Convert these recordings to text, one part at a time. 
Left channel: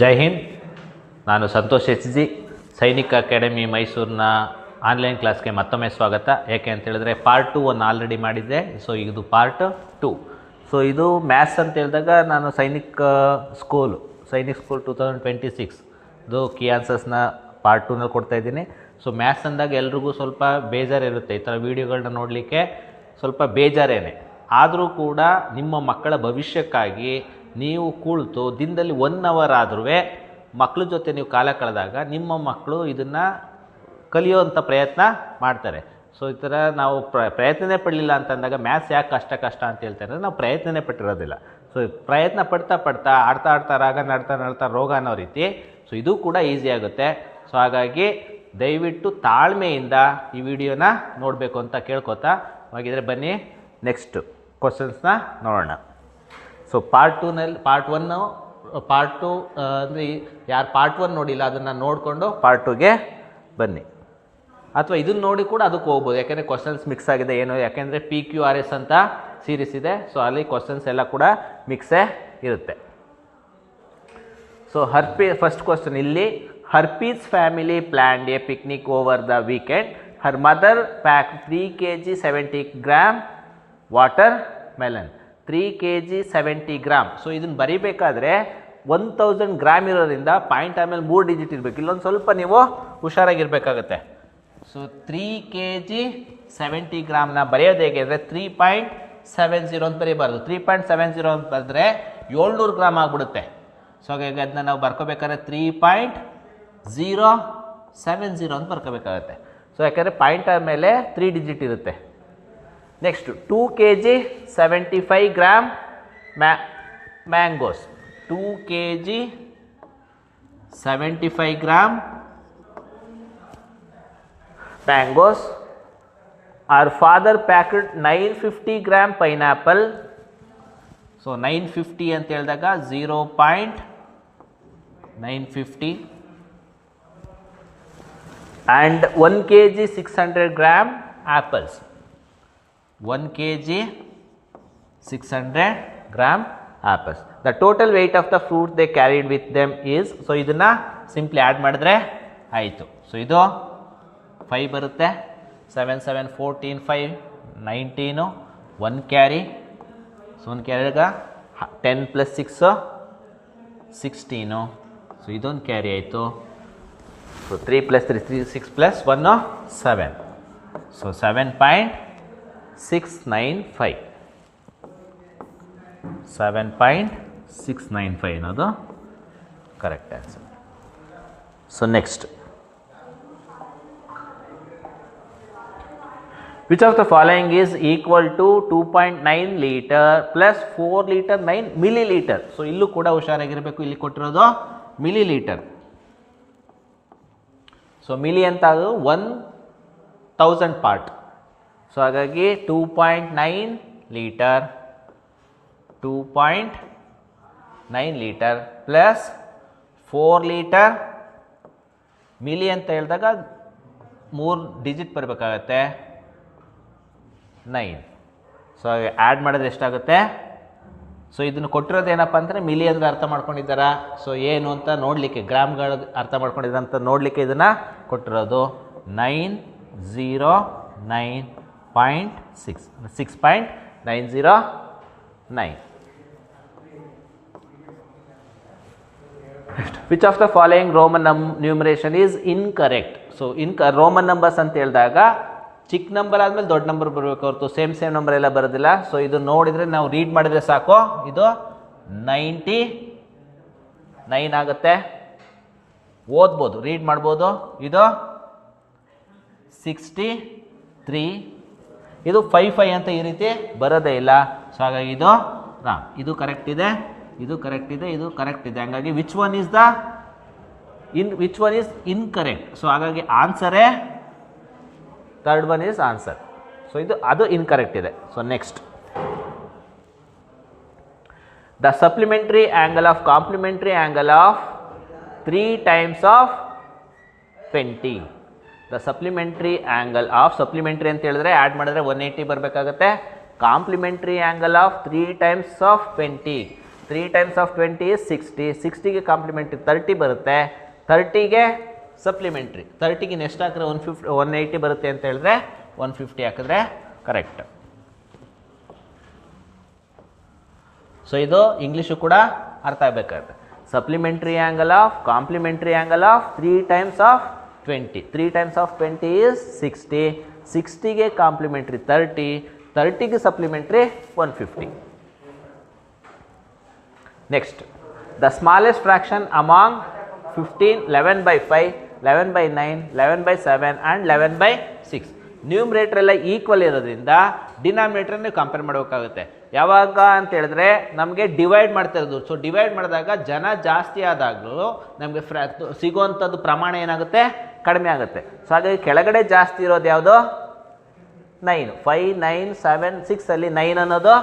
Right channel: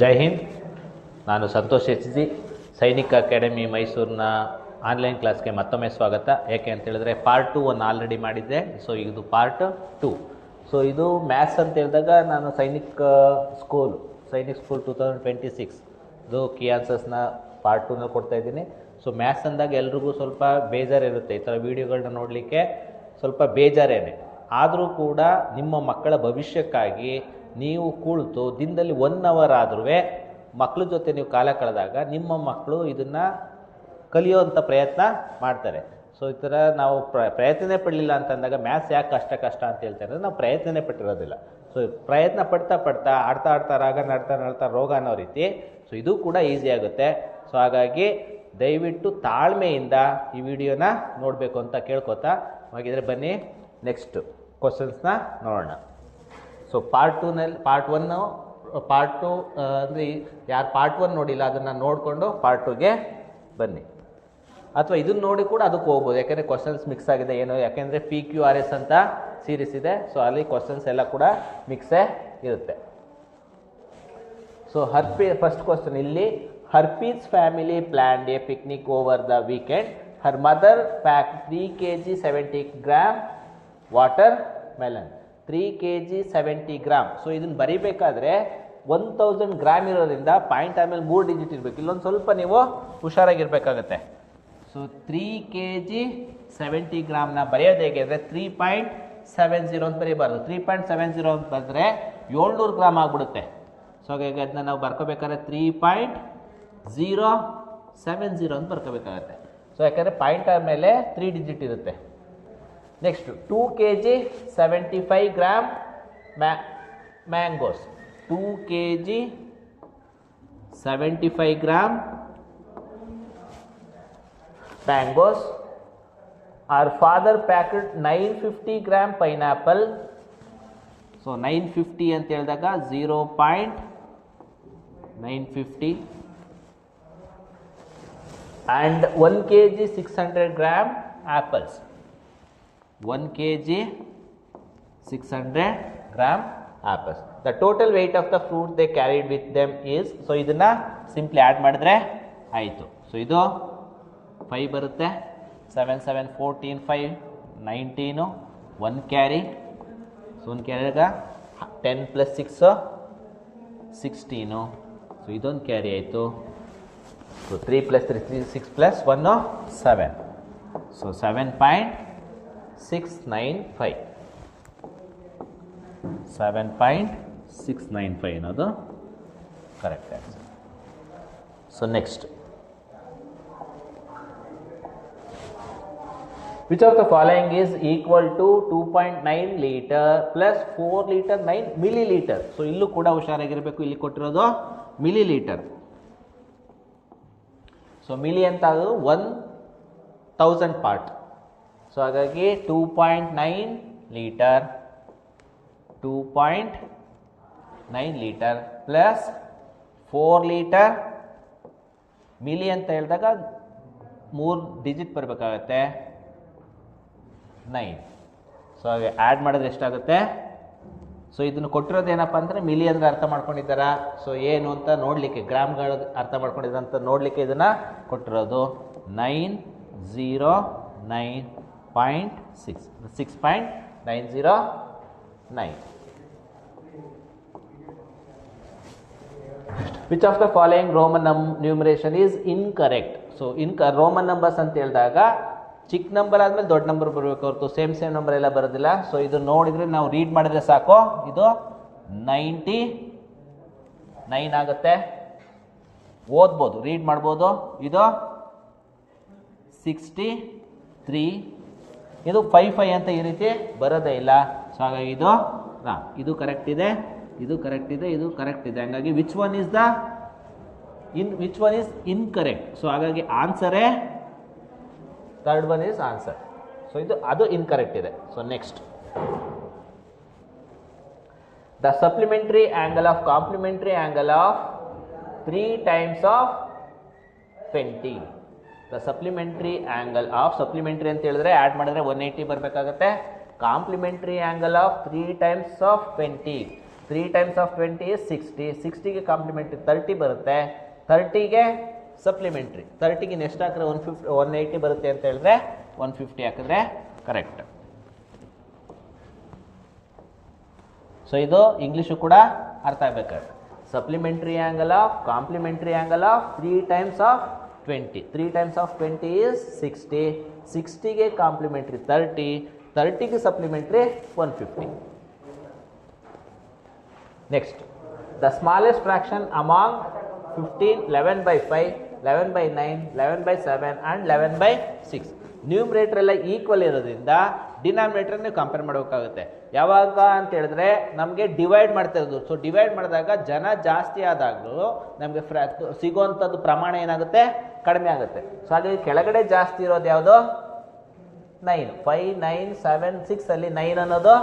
ಜೈ ಹಿಂದ್. ನಾನು Santosh H G, ಸೈನಿಕ academy ಮೈಸೂರಿನ ಆನ್ಲೈನ್ ಕ್ಲಾಸ್ಗೆ ಮತ್ತೊಮ್ಮೆ ಸ್ವಾಗತ. ಯಾಕೆ ಅಂತ ಹೇಳಿದ್ರೆ ಪಾರ್ಟ್ 2 ಅನ್ನು ಆಲ್ರೆಡಿ ಮಾಡಿದ್ದೆ. ಸೊ ಇದು ಪಾರ್ಟ್ 2. ಸೊ ಇದು ಮ್ಯಾಥ್ಸ್ ಅಂತ ಹೇಳಿದಾಗ ನಾನು ಸೈನಿಕ್ ಸ್ಕೂಲ್ 2026 ಇದು ಕೀ ಆನ್ಸರ್ಸ್ನ ಪಾರ್ಟ್ 2ನಲ್ಲಿ ಕೊಡ್ತಾಯಿದ್ದೀನಿ. ಸೊ ಮ್ಯಾಥ್ಸ್ ಅಂದಾಗ ಎಲ್ರಿಗೂ ಸ್ವಲ್ಪ ಬೇಜಾರಿರುತ್ತೆ, ಈ ಥರ ವೀಡಿಯೋಗಳನ್ನ ನೋಡಲಿಕ್ಕೆ ಸ್ವಲ್ಪ ಬೇಜಾರೇನೆ. ಆದರೂ ಕೂಡ ನಿಮ್ಮ ಮಕ್ಕಳ ಭವಿಷ್ಯಕ್ಕಾಗಿ ನೀವು ಕುಳಿತು ದಿನದಲ್ಲಿ 1 ಅವರ್ ಆದ್ರೂ ಮಕ್ಕಳ ಜೊತೆ ನೀವು ಕಾಲ ಕಳೆದಾಗ ನಿಮ್ಮ ಮಕ್ಕಳು ಇದನ್ನು ಕಲಿಯೋವಂಥ ಪ್ರಯತ್ನ ಮಾಡ್ತಾರೆ. ಸೊ ಈ ಥರ ನಾವು ಪ್ರಯತ್ನನೇ ಪಡಲಿಲ್ಲ ಅಂತಂದಾಗ ಮ್ಯಾಥ್ಸ್ ಯಾಕೆ ಕಷ್ಟ ಅಂತ ಹೇಳ್ತಾರೆ, ನಾವು ಪ್ರಯತ್ನನೇ ಪಟ್ಟಿರೋದಿಲ್ಲ. ಸೊ ಪ್ರಯತ್ನ ಪಡ್ತಾ ಆಡ್ತಾ ರಾಗ ನಡ್ತಾ ರೋಗ ಅನ್ನೋ ರೀತಿ ಸೊ ಇದು ಕೂಡ ಈಸಿ ಆಗುತ್ತೆ. ಸೊ ಹಾಗಾಗಿ ದಯವಿಟ್ಟು ತಾಳ್ಮೆಯಿಂದ ಈ ವಿಡಿಯೋನ ನೋಡಬೇಕು ಅಂತ ಕೇಳ್ಕೊತಾ ಹಾಗಿದ್ರೆ ಬನ್ನಿ ನೆಕ್ಸ್ಟ್ ಕ್ವಶನ್ಸ್ನ ನೋಡೋಣ. ಸೊ ಪಾರ್ಟ್ 2ನಲ್ಲಿ ಪಾರ್ಟ್ 2 ಅಂದರೆ ಯಾರು ಪಾರ್ಟ್ 1 ನೋಡಿಲ್ಲ ಅದನ್ನು ನೋಡಿಕೊಂಡು ಪಾರ್ಟ್ 2ಗೆ ಬನ್ನಿ, ಅಥವಾ ಇದನ್ನು ನೋಡಿ ಕೂಡ ಅದಕ್ಕೆ ಹೋಗ್ಬೋದು. ಯಾಕೆಂದರೆ ಕ್ವಶನ್ಸ್ ಮಿಕ್ಸ್ ಆಗಿದೆ ಏನು, ಯಾಕೆಂದರೆ PQRS ಅಂತ ಸೀರೀಸ್ ಇದೆ. ಸೊ ಅಲ್ಲಿ ಕ್ವಶನ್ಸ್ ಎಲ್ಲ ಕೂಡ ಮಿಕ್ಸೇ ಇರುತ್ತೆ. ಸೊ ಫಸ್ಟ್ ಕ್ವಶನ್ ಇಲ್ಲಿ, herpes family planned A picnic over the weekend. Her mother pack 3 kg 70 gram water melon. 3 kg 70 gram. So ಇದನ್ನು ಬರೀಬೇಕಾದ್ರೆ 1000 ಗ್ರಾಮ್ ಇರೋದ್ರಿಂದ ಪಾಯಿಂಟ್ ಆಮೇಲೆ 3 ಡಿಜಿಟ್ ಇರಬೇಕು. ಇಲ್ಲೊಂದು ಸ್ವಲ್ಪ ನೀವು ಹುಷಾರಾಗಿರ್ಬೇಕಾಗತ್ತೆ. ಸೊ 3 kg 70 ಗ್ರಾಮ್ನ ಬರೆಯೋದು ಹೇಗೆ ಅಂದರೆ 3.70 ಅಂತ ಬರೀಬಾರ್ದು. 3.70 ಅಂತ ಬರೆದ್ರೆ 700 ಗ್ರಾಮ್ ಆಗಿಬಿಡುತ್ತೆ. ಸೊ ಹಾಗಾಗಿ ಅದನ್ನ ನಾವು ಬರ್ಕೋಬೇಕಾದ್ರೆ 3.070 ಅಂತ ಬರ್ಕೋಬೇಕಾಗತ್ತೆ. ಸೊ ಯಾಕಂದರೆ ಪಾಯಿಂಟ್ ಮೇಲೆ 3 ಡಿಜಿಟ್ ಇರುತ್ತೆ. Next 2 kg 75 gram mangoes. 2 kg 75 gram mangoes. our father packed 950 gram pineapple. So 950 ಅಂತ ಹೇಳಿದಾಗ 0.950 and 1 kg 600 gram apples. 1 kg 600 gram apples. The total weight of the fruit they carried with them is. So ಇದನ್ನು simply add ಮಾಡಿದ್ರೆ ಆಯಿತು. So ಇದು 5 ಬರುತ್ತೆ. 7 7 14 5 19 1 carry. So 1 ಕ್ಯಾರಿಗ 10 + 6 16. So ಇದೊಂದು carry ಆಯಿತು. So 3 + 3 6 + 1 7. So 7.695 7.695 ಅನ್ನೋದು correct answer. So next, which of the following is equal to 2.9 liter plus 4 liter 9 milliliter. So ಇಲ್ಲೂ ಕೂಡ ಹುಷಾರಾಗಿರಬೇಕು. ಇಲ್ಲಿ ಕೊಟ್ಟಿರೋದು ಮಿಲಿಲೀಟರ್. ಸೊ ಮಿಲಿ ಅಂತ ಅದು 1000 ಪಾರ್ಟ್. ಸೊ ಹಾಗಾಗಿ 2.9 litre 2.9 litre plus 4 litre. Milli ಅಂತ ಹೇಳಿದಾಗ 3 ಡಿಜಿಟ್ ಬರಬೇಕಾಗತ್ತೆ 9. ಸೊ ಆ್ಯಡ್ ಮಾಡಿದ್ರೆ ಎಷ್ಟಾಗುತ್ತೆ? ಸೊ ಇದನ್ನು ಕೊಟ್ಟಿರೋದು ಏನಪ್ಪ ಅಂದರೆ ಮಿಲಿ ಅಂದರೆ ಅರ್ಥ ಮಾಡ್ಕೊಂಡಿದ್ದಾರಾ? ಸೊ ಏನು ಅಂತ ನೋಡಲಿಕ್ಕೆ, ಗ್ರಾಮ್ಗಳು ಅರ್ಥ ಮಾಡ್ಕೊಂಡಿದ್ದಾರೆ ಅಂತ ನೋಡಲಿಕ್ಕೆ ಇದನ್ನು ಕೊಟ್ಟಿರೋದು 909.6 6.909. Which of the following Roman numeration is incorrect. So Roman numbers ಅಂತ ಹೇಳಿದಾಗ ಚಿಕ್ಕ ನಂಬರ್ ಆದಮೇಲೆ ದೊಡ್ಡ ನಂಬರ್ ಬರಬೇಕು ಹೊರತು ಸೇಮ್ ನಂಬರ್ ಎಲ್ಲ ಬರೋದಿಲ್ಲ. ಸೊ ಇದು ನೋಡಿದರೆ ನಾವು ರೀಡ್ ಮಾಡಿದರೆ ಸಾಕು, ಇದು 99 ಆಗುತ್ತೆ. ಓದ್ಬೋದು, ರೀಡ್ ಮಾಡ್ಬೋದು. ಇದು 63. ಇದು 55 ಅಂತ ಈ ರೀತಿ ಬರೋದೇ ಇಲ್ಲ. ಸೊ ಹಾಗಾಗಿ ಇದು ಇದು ಕರೆಕ್ಟ್ ಇದೆ, ಇದು ಕರೆಕ್ಟ್ ಇದೆ, ಇದು ಕರೆಕ್ಟ್ ಇದೆ. ಹಾಗಾಗಿ which one is incorrect. So ಹಾಗಾಗಿ ಆನ್ಸರೇ third one is answer. So ಅದು ಇನ್ಕರೆಕ್ಟ್ ಇದೆ. So next, the supplementary angle of complementary angle of 3 times of 20. The supplementary angle of, supplementary ಅಂತ ಹೇಳಿದ್ರೆ ಆ್ಯಡ್ ಮಾಡಿದ್ರೆ 180 ಬರಬೇಕಾಗತ್ತೆ. Complementary angle of 3 times of 20. 3 times of 20 is 60. 60ಗೆ complementary 30 ಬರುತ್ತೆ. 30ಗೆ supplementary 30ಗೆ next ಹಾಕಿದ್ರೆ 180 ಬರುತ್ತೆ ಅಂತ ಹೇಳಿದ್ರೆ 150 ಹಾಕಿದ್ರೆ ಕರೆಕ್ಟ್. ಸೊ ಇದು ಇಂಗ್ಲೀಷು ಕೂಡ ಅರ್ಥ ಆಗಬೇಕಾಗುತ್ತೆ. Supplementary angle of complementary angle of 3 times of 20. 3 times of 20 is 60. 60ಗೆ ಕಾಂಪ್ಲಿಮೆಂಟ್ರಿ 30. 30ಗೆ supplementary 150. Next, the smallest fraction among 15, 11 by 5, 11 by 9, 11 by 7 and 11 by 6. ನ್ಯೂಮ್ರೇಟರ್ ಎಲ್ಲ ಈಕ್ವಲ್ ಇರೋದ್ರಿಂದ ಡಿನಾಮಿನೇಟರ್ ನೀವು ಕಂಪೇರ್ ಮಾಡಬೇಕಾಗುತ್ತೆ. ಯಾವಾಗ ಅಂತ ಹೇಳಿದ್ರೆ ನಮಗೆ ಡಿವೈಡ್ ಮಾಡ್ತಾ ಇರೋದು. ಸೊ ಡಿವೈಡ್ ಮಾಡಿದಾಗ ಜನ ಜಾಸ್ತಿ ಆದಾಗಲೂ ನಮಗೆ ಸಿಗೋವಂಥದ್ದು ಪ್ರಮಾಣ ಏನಾಗುತ್ತೆ, ಕಡಿಮೆ ಆಗುತ್ತೆ. ಸೊ ಹಾಗಾಗಿ ಕೆಳಗಡೆ ಜಾಸ್ತಿ ಇರೋದು ಯಾವುದು, 9. 5, 9, 7, 6 ಅಲ್ಲಿ 9 ಅನ್ನೋದು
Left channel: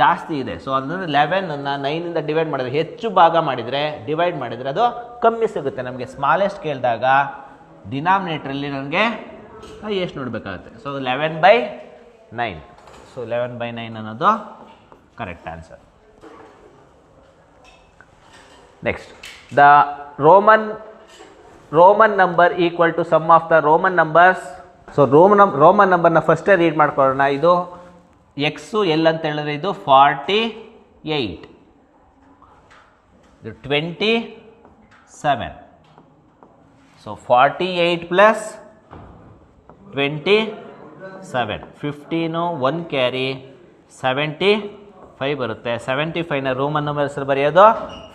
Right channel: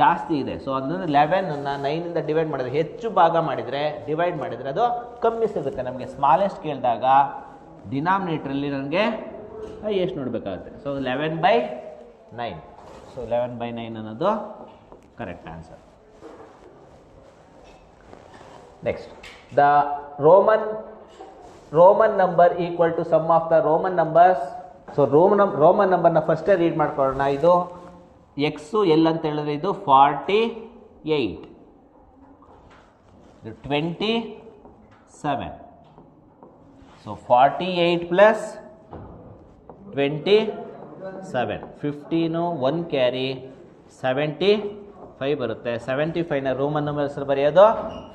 ಜಾಸ್ತಿ ಇದೆ. ಸೊ ಅಂದರೆ 11ಅನ್ನು 9ಇಂದ ಡಿವೈಡ್ ಮಾಡಿದ್ರೆ, ಹೆಚ್ಚು ಭಾಗ ಮಾಡಿದರೆ ಡಿವೈಡ್ ಮಾಡಿದರೆ ಅದು ಕಮ್ಮಿ ಸಿಗುತ್ತೆ ನಮಗೆ. ಸ್ಮಾಲೆಸ್ಟ್ ಕೇಳಿದಾಗ ಡಿನಾಮಿನೇಟ್ರಲ್ಲಿ ನನಗೆ ಎಷ್ಟು ನೋಡಬೇಕಾಗುತ್ತೆ. So 11 by 9. ಸೊ 11 by 9 ಅನ್ನೋದು correct answer. Next, the Roman number equal to sum of the Roman numbers. So Roman ನಂಬರ್ನ ಫಸ್ಟೇ ರೀಡ್ ಮಾಡ್ಕೊಳ್ಳೋಣ. ಇದು ಎಕ್ಸು ಎಲ್ ಅಂತ ಹೇಳಿದ್ರೆ ಇದು 48, 27. ಸೊ 48 ಪ್ಲಸ್ 27, 15, 1 ಕ್ಯಾರಿ 75 ಬರುತ್ತೆ. 75ನ ರೋಮನ್ ನಂಬರ್ ಹೆಸರು ಬರೆಯೋದು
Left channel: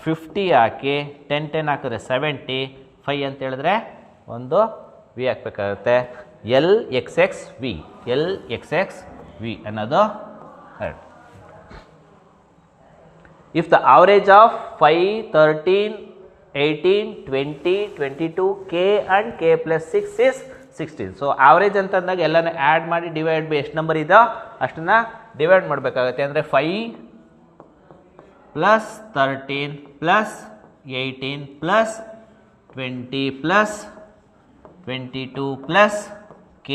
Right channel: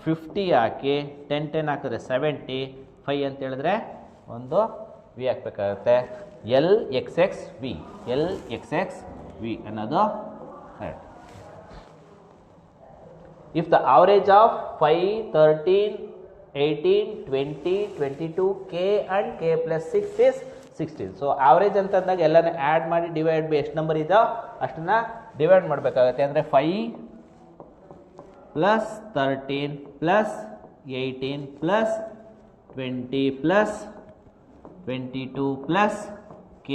50 ಹಾಕಿ 10 ಹಾಕಿದ್ರೆ 75 ಅಂತ ಹೇಳಿದ್ರೆ ಒಂದು ವಿ ಹಾಕಬೇಕಾಗುತ್ತೆ. LXXV ಅನ್ನೋದು correct. If the average of 5, 13, 18, 20, 22, K and K plus 6 is 16. So average ಅಂತಂದಾಗ ಎಲ್ಲನೂ ಆ್ಯಡ್ ಮಾಡಿ ಡಿವೈಡ್ ಬೈ ಎಷ್ಟು ನಂಬರ್ ಇದೋ ಅಷ್ಟನ್ನು ಡಿವೈಡ್ ಮಾಡಬೇಕಾಗುತ್ತೆ. ಅಂದರೆ 5 plus 13 plus 18 plus 20 plus 22 plus K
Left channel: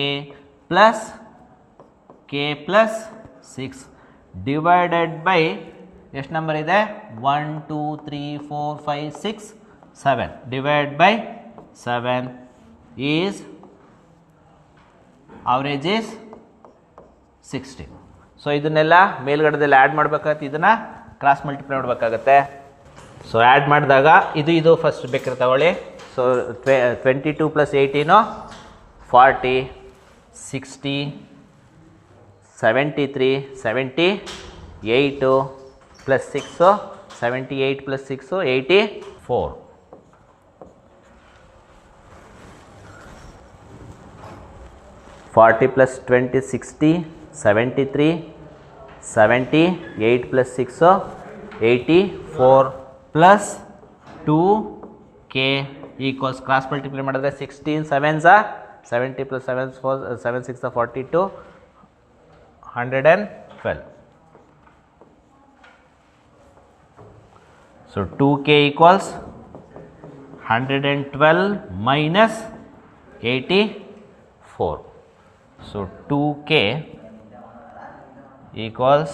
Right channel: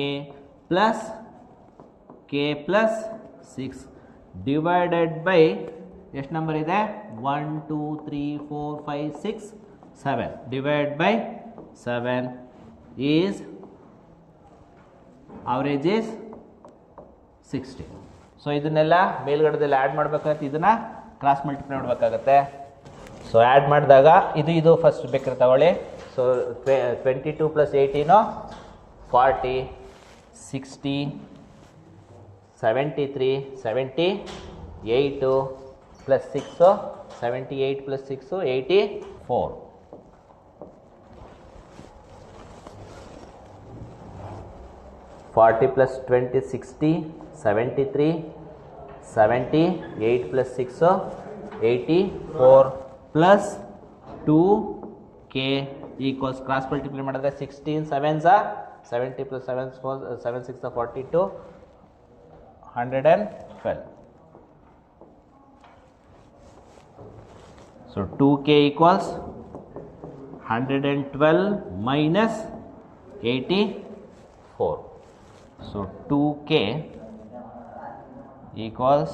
plus 6 divided by ಎಷ್ಟು ನಂಬರ್ ಇದೆ, 1, 2, 3, 4, 5, 6, 7 divide by 7 is average is 16. So ಇದನ್ನೆಲ್ಲ ಮೇಲ್ಗಡೆದಲ್ಲಿ ಆ್ಯಡ್ ಮಾಡಬೇಕಾಗುತ್ತೆ, ಇದನ್ನು ಕ್ರಾಸ್ ಮಲ್ಟಿಪ್ಲೈ ಮಾಡಬೇಕಾಗತ್ತೆ. ಸೊ ಆ್ಯಡ್ ಮಾಡಿದಾಗ ಇದು ಫಸ್ಟ್ ಬೇಕಾದ್ರೆ ತಗೊಳ್ಳಿ. So 22 plus 18 40, 60, 73, 78 plus 6 78 plus 6 84. 40 plus 20 60, 73, 78 plus 6 84 plus 2K equals cross multiply ಮಾಡಿದ್ರೆ 16 7s are 70 plus 7 6 are 42, 112. So 2K equals 112 minus 84. So 2K equals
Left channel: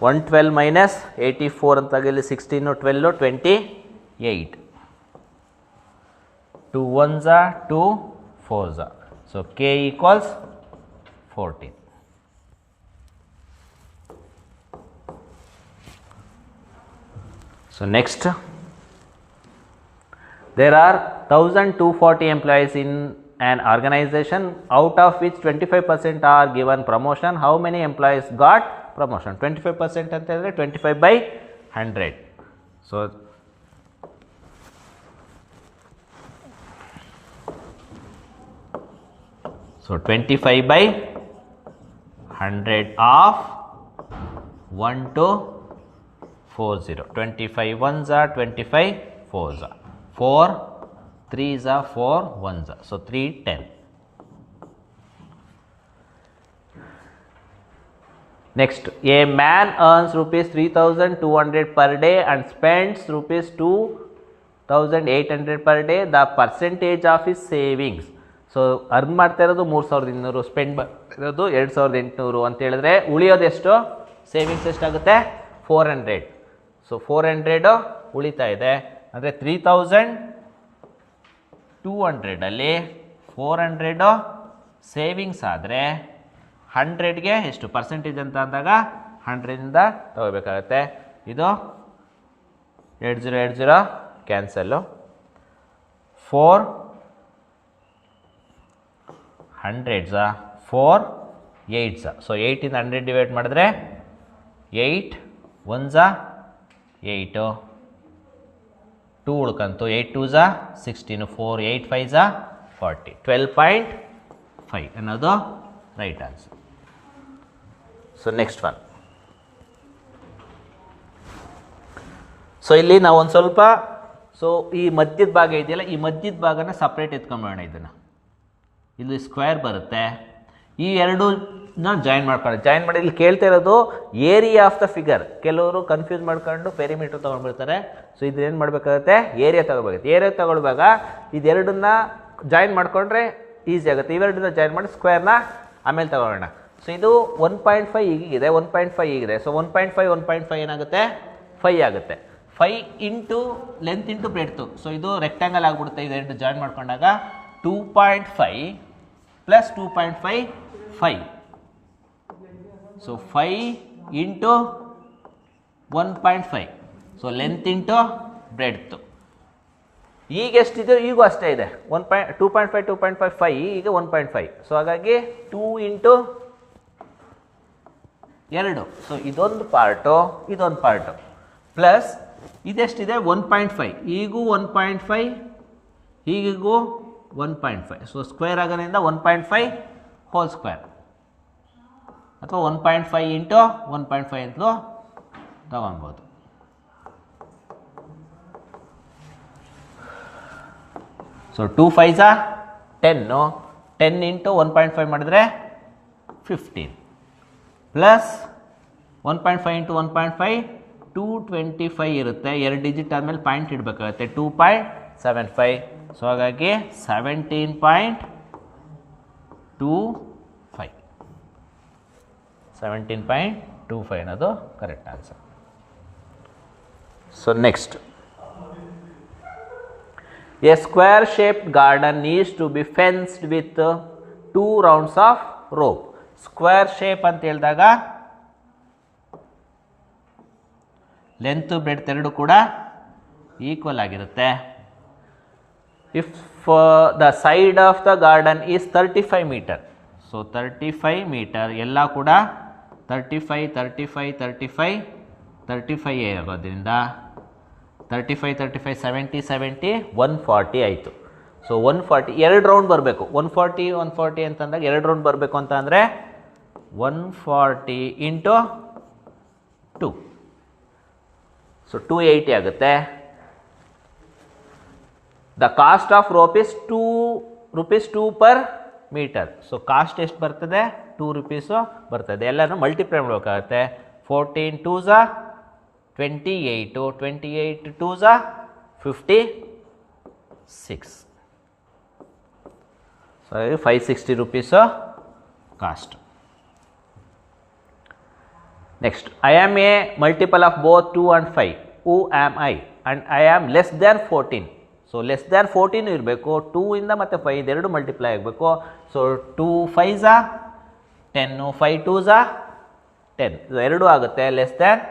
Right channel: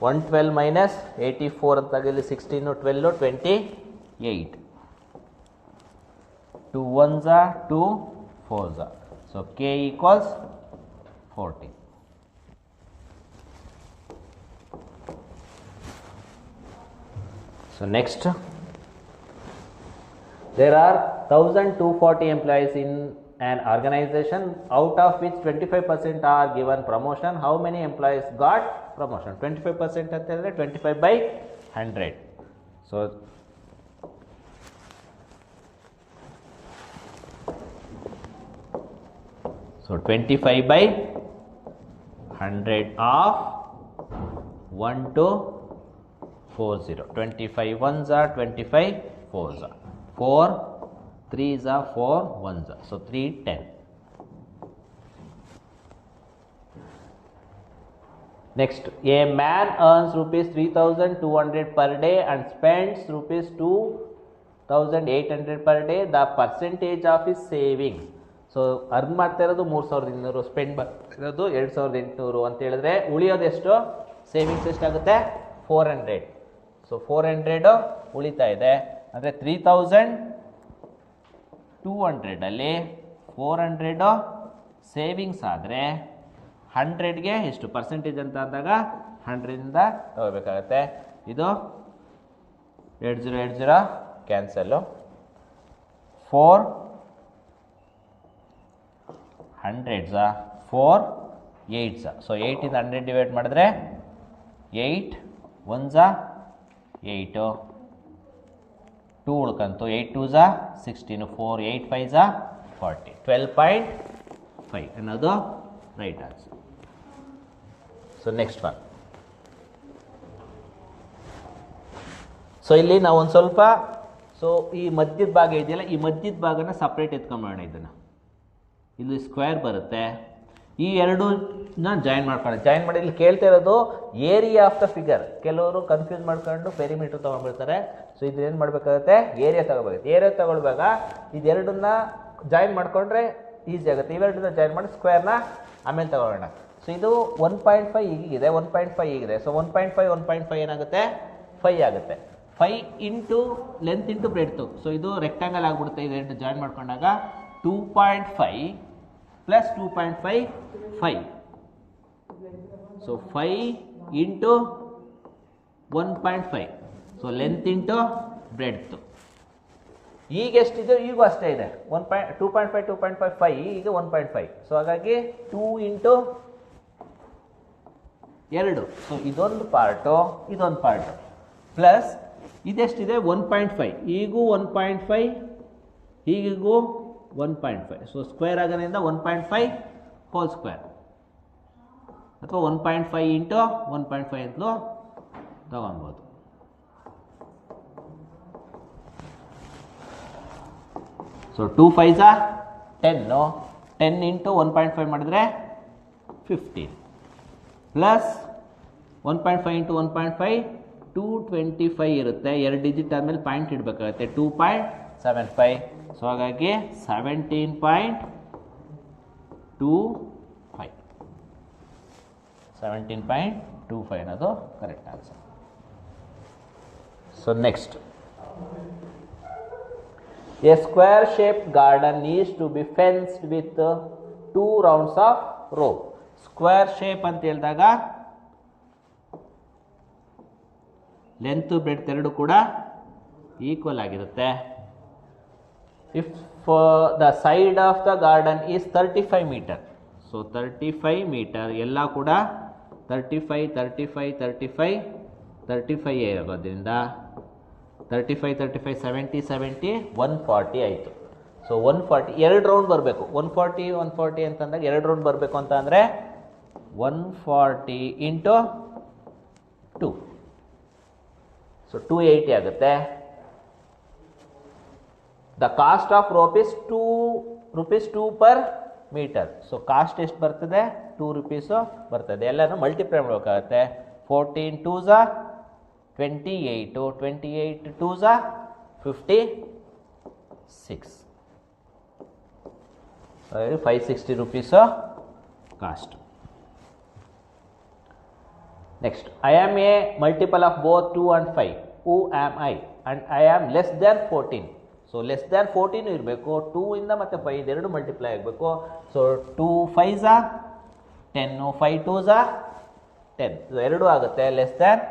112 minus 84 ಅಂತಾಗ ಇಲ್ಲಿ 16 12 28. 2 1s are 2 4s are. So K equals 14. So next, there are 1240 employees in an organization, out of which 25% are given promotion. How many employees got promotion? 25% ಅಂತ ಹೇಳಿದ್ರೆ 25 by 100. So 25 by 100 of 1 to 40. 25 ones are 25 fours are 4 3s are 4 1s are. So 3 10. Next, a man earns rupees 3200 per day and spends rupees 2800 per day. The percentage of his savings. So earn ಮಾಡ್ತಾ ಇರೋದು 3200, spend ಮಾಡಿರೋದು 2800 ಅಂತ ಹೇಳಿದ್ರೆ ಉಳಿಯೋದೆಷ್ಟು, savings ಎಷ್ಟಾಗುತ್ತೆ 400. So 400 ಉಳಿತಾ ಇದೆ. ಅಂದರೆ 3200ಅಲ್ಲಿ 400 savings ಆದರೆ 100ಗೆ ಎಷ್ಟು ಪರ್ಸೆಂಟೇಜ್ ಅಂತ ಅಂದಾಗ 100ರಿಂದ ತಗೋಬೇಕಾಗತ್ತೆ. ಇದು 20 cancel. 4 100s 4 8s. So 8ಇಂದ 100 divide ಮಾಡಿದ್ರೆ 8 1s 8, 2 ಉಳ್ಕಂತು, 8 2s 16, 4 8 5s 40, 12.5 ಅನ್ನೋದು right answer. So next one. So ಇಲ್ಲಿ ನಾವು ಒಂದು ಸ್ವಲ್ಪ ಈ ಮಧ್ಯದ ಭಾಗ ಇದೆಯಲ್ಲ, ಈ ಮಧ್ಯದ ಭಾಗನ ಸಪ್ರೇಟ್ ಎತ್ಕೊಂಬೋಣ. ಇದನ್ನು ಇಲ್ಲಿ ಸ್ಕ್ವೇರ್ ಬರುತ್ತೆ, ಈ ಎರಡೂನ ಜಾಯಿನ್ ಮಾಡಿ ಇಲ್ಲಿ ಕೇಳ್ತಾ ಇರೋದು ಏರಿಯಾ ಆಫ್ ದ ಫಿಗರ್. ಕೆಲವರು ಕನ್ಫ್ಯೂಸ್ ಮಾಡ್ಕೊಂಡು ಪೆರಿಮೀಟರ್ ತೊಗೊಂಡ್ಬಿಡ್ತಾರೆ. ಸೊ ಇದೇನು ಮಾಡಬೇಕಾಗುತ್ತೆ, ಏರಿಯಾ ತೊಗೋಬೇಕಾಗುತ್ತೆ. ಏರಿಯಾ ತೊಗೊಳ್ಳುವಾಗ ಇದೆರಡನ್ನ ಜಾಯಿನ್ ಮಾಡಿಕೊಂಡ್ರೆ ಈಸಿ ಆಗುತ್ತೆ. ಇವೆರಡನ್ನ ಜಾಯಿನ್ ಮಾಡಿ ಸ್ಕ್ವೇರ್ನ ಆಮೇಲೆ ತಗೊಳ್ಳೋಣ. ಸೊ ಇದು 1.5 ಹೀಗಿದೆ, 1.5 ಹೀಗಿದೆ. ಸೊ 1.5 ಏನಾಗುತ್ತೆ, 5 ಆಗುತ್ತೆ. 5 into length into breadth. So ಇದು ರೆಕ್ಟ್ಯಾಂಗಲ್ ಆಗಿಬಿಡುತ್ತೆ. ಇದೆರಡು ಜಾಯಿನ್ ಮಾಡ್ಕೊಂಡಾಗ 2.5 plus 2.5 5. So 5 into 1.5. So length into breadth. ಈಗ ಎಷ್ಟಿದೆ, ಈಗೂ ಅಷ್ಟೇ ಇದೆ. 2.5 2.5 5, ಈಗ 1.5. ಸೊ ಹಾಗಾಗಿ 2 ಇಂಟು 2. ಸೊ ಇದೊಂದು ಪಾರ್ಟು, ಇದೊಂದು ಪಾರ್ಟು, ಪ್ಲಸ್ ಇದೆಷ್ಟಿದೆ 1.5. ಈಗೂ 1.5, ಹೀಗಿಗೂ 1.5. ಸೊ ಸ್ಕ್ವೇರ್ ಆಗೋದ್ರಿಂದ 1.5 ಹೋಲ್ ಸ್ಕ್ವೇರ್ ಅಥವಾ 1.5 ಇಂಟು 1.5 ಅಂತಲೂ ತಗೊಳ್ಬೋದು. ಸೊ 2 5s 10, 10 ಇಂಟು 1.5 ಮಾಡಿದ್ರೆ 15, ಪ್ಲಸ್ 1.5 ಇಂಟು 1.5 225 ಇರುತ್ತೆ. 2 ಡಿಜಿಟ್ ಆದಮೇಲೆ ಪಾಯಿಂಟ್ ಇಡಬೇಕಾಗುತ್ತೆ, 2.75. ಸೊ ಹಾಗಾಗಿ 17.25 ಅನ್ನೋದು correct answer. So next, a square shaped garden needs to be fenced with 2 rounds of rope. Square shape ಅಂತ ಹೇಳಿದಾಗ ಲೆಂತ್ ಬ್ರೆಡ್ತ್ ಎರಡು ಕೂಡ ಈಕ್ವಲ್ ಆಗಿರುತ್ತೆ. If the side of the garden is 35 metre. So 35 metre ಎಲ್ಲ ಕೂಡ 35 35 35 35 ಆಗೋದ್ರಿಂದ 35 35 70 70 140 ಆಯಿತು. So 140 2 round ಬರಬೇಕು. 140 140 ಅಂತಂದಾಗ 2 ರೌಂಡ್ ಬರಬೇಕು ಅಂತ ಅಂದರೆ 140 ಇಂಟು 2. ಸೊ 280 ಆಗುತ್ತೆ. The cost of rope is ₹2 per metre. So cost ಎಷ್ಟು ಬರ್ತದೆ, 2 ರೂಪೀಸು ಬರ್ತದೆ. ಎಲ್ಲನೂ ಮಲ್ಟಿಪ್ಲೈ ಮಾಡಬೇಕಾಗತ್ತೆ. 14 2s 28, 28 2s 56. So 560 rupees cost. Next, I am a multiple of both 2 and 5. Who am I? And I am less than 14. So less than 14 ಇರಬೇಕು. 2 ಇಂದ ಮತ್ತು 5 ಇದೆರಡು multiply ಆಗಬೇಕು. So 2 5s 10, 5 2s 10. ಎರಡು ಆಗುತ್ತೆ, ಲೆಸ್ ದ್ಯಾನ್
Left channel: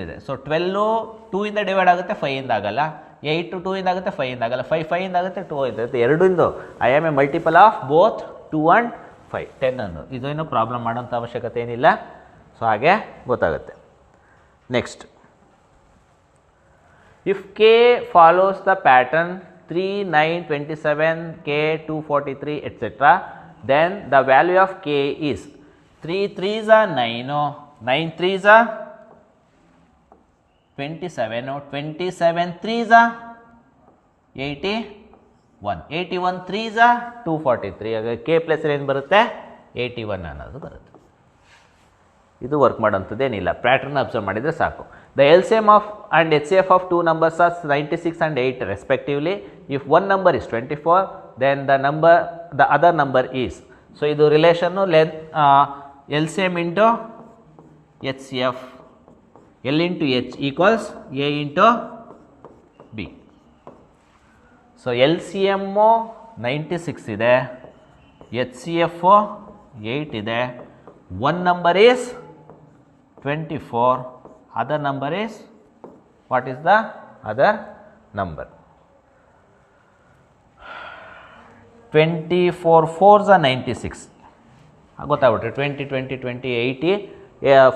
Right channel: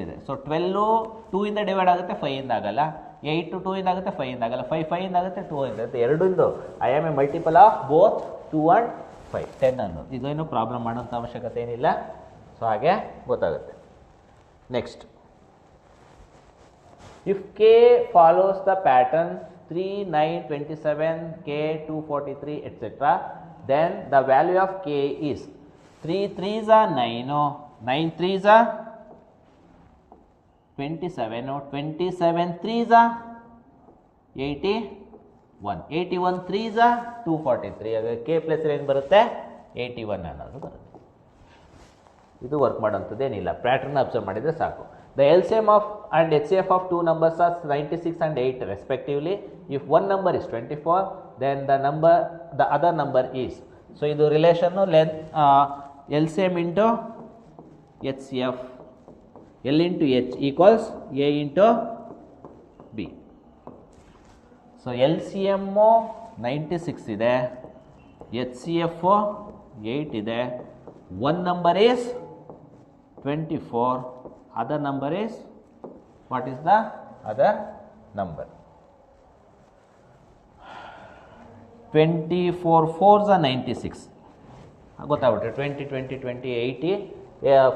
ಇದೆ. So 12 2 ಇಂದ divide ಆಗುತ್ತೆ, 5 ಇಂದ ಆಗಲ್ಲ. 8 2 ಇಂದ ಆಗುತ್ತೆ, 5 ಇಂದ ಆಗಲ್ಲ. 5 5 ಇಂದ ಆಗುತ್ತೆ, 2 ಇಂದ ಆಗುತ್ತೆ. ಎರಡೂ I am a multiple of both 2 and 5. 10 ಅನ್ನು ಇದೇನು ಪ್ರಾಬ್ಲಮ್ ಮಾಡೋಂಥ ಅವಶ್ಯಕತೆ ಏನಿಲ್ಲ. ಸೊ ಹಾಗೆ ಗೊತ್ತಾಗುತ್ತೆ. Next, if K follows the pattern 3 9 27 k 243 etc., then the value of k is 3 3s 9, 9 3s 27, 27 3s 81, 81 3s 243. ಹಾಗಾಗಿ ಕೆ ಪ್ಲಸ್ ಏನು ಬರುತ್ತೆ, 81 ಅನ್ನೋದು ಬರುತ್ತೆ. ಇದು ವರ್ಕ್ ಮಾಡೋಂಥದ್ದೇನಿಲ್ಲ, ಪ್ಯಾಟರ್ನ್ ಅಬ್ಸರ್ವ್ ಮಾಡಿದರೆ ಸಾಕು. The LCM of and HCF of 2 numbers are 96 and 8 respectively. If one number is 24, then the other number is. So ಇದು relation LCM into HCF. L into H equals A into B. So L C M 96 ಇದೆ, H C F 8 ಇದೆ. One number is 24, other number is what is the other number? 24 4s are 96 ಗೊತ್ತಾಗ್ಬಿಟ್ರೆ 20 20 20 80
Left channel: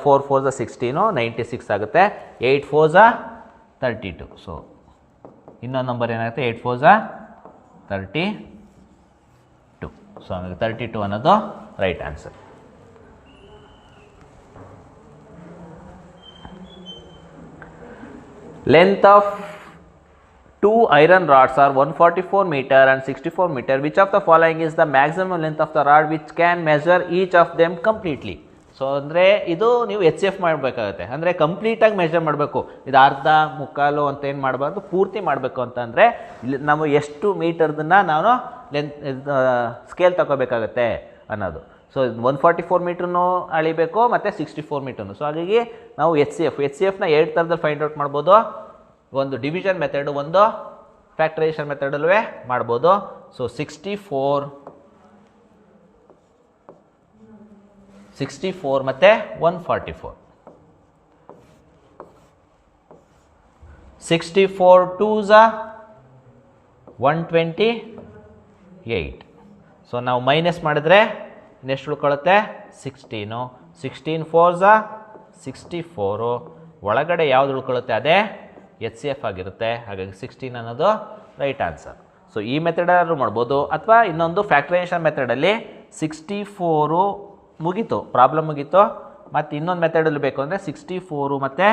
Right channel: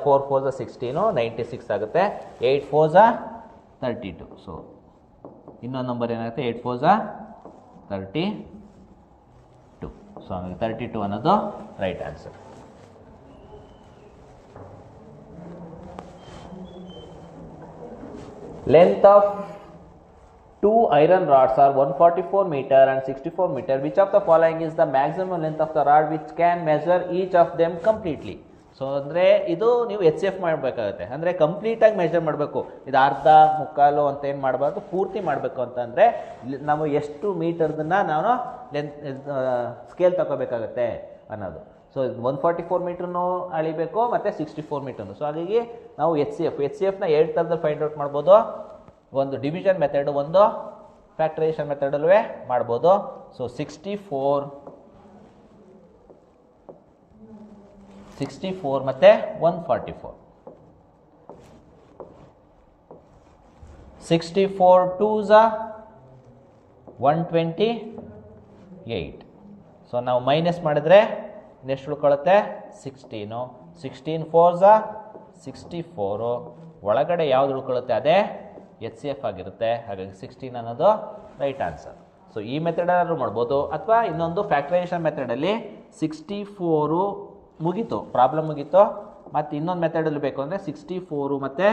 4 4s are 16 96 ಆಗುತ್ತೆ. 8 4s are 32. So ಇನ್ನೊಂದು number ಏನಾಗುತ್ತೆ 8 4s are 32. So 32 ಅನ್ನೋದು right answer. Length of two iron rods are 144 meter and 64 meter. Which of the following is the maximum length of the rod which can measure each of them completely? So ಅಂದರೆ ಇದು ನೀವು H F ಮಾಡಬೇಕಾಗತ್ತೆ, ಅಂದರೆ ಕಂಪ್ಲೀಟಾಗಿ measure ಮಾಡಬೇಕು. ಇದು ಅರ್ಧ ಮುಕ್ಕಾಲು ಅಂತ ಏನು ಮಾಡಬಾರ್ದು, ಪೂರ್ತಿ ಮಾಡಬೇಕು ಅಂತಂದರೆ ಇಲ್ಲಿ ನಾವು ಎಷ್ಟು ಮೀಟರ್ದನ್ನು ನಾನು ಸ್ಕೇಲ್ ತಗೋಬೇಕಾಗತ್ತೆ ಅನ್ನೋದು. ಸೊ 144 ಮೀಟ್ರೂ ಅಳಿಬೇಕು ಮತ್ತು 64 ಮೀಟ್ರೂ. ಸೊ ಹಾಗಾಗಿ ನಾವು ಎಚ್ ಸಿ ಎಫ್ನ 2 ಥರದಲ್ಲಿ ಫೈಂಡ್ ಔಟ್ ಮಾಡ್ಬೋದು. ಒಂದು ಡಿವಿಷನ್ ಮೆಥಡು, ಒಂದು ಫ್ಯಾಕ್ಟರೈಸೇಷನ್ ಮೆಥಡಲ್ಲೂ ಮಾಡ್ಬೋದು. ಸೊ 64 ಮತ್ತು 144. 64 2s are 128. ಸೊ ನಾವು ಮೈನಸ್ ಮಾಡಿದ್ರೆ ನೆಕ್ಸ್ಟ್ ಉಳ್ಕೊಳ್ಳುತ್ತೆ 16. 16 4s are 64. ಒಳಗಡೆ ಯಾವುದು ಉಳ್ಕೊಳ್ಳುತ್ತೆ ಅದೇ ಎಚ್ ಸಿ ಎಫ್ ಆಗಿರುತ್ತೆ. ಹಾಗಾಗಿ 16 ಅನ್ನೋದು ರೈಟ್ ಆನ್ಸರ್. ಸೊ ಈ ಮೆಥಡಾದ್ರೂ ಮಾಡ್ಬೋದು, ಅಥವಾ ಇನ್ನೊಂದು ಫ್ಯಾಕ್ಟರೈಸೇಷನ್ ಮೆಥಡಲ್ಲಿ 64 ಮುಗೀತು, ಪ್ರಾಬ್ಲಮ್ ಮುಗೀತು. ಮತ್ತು ಇನ್ನೊಂದು ಮೆಥಡಲ್ಲಿ ಬೇಕು ಅಂದರೆ 64 ಮತ್ತು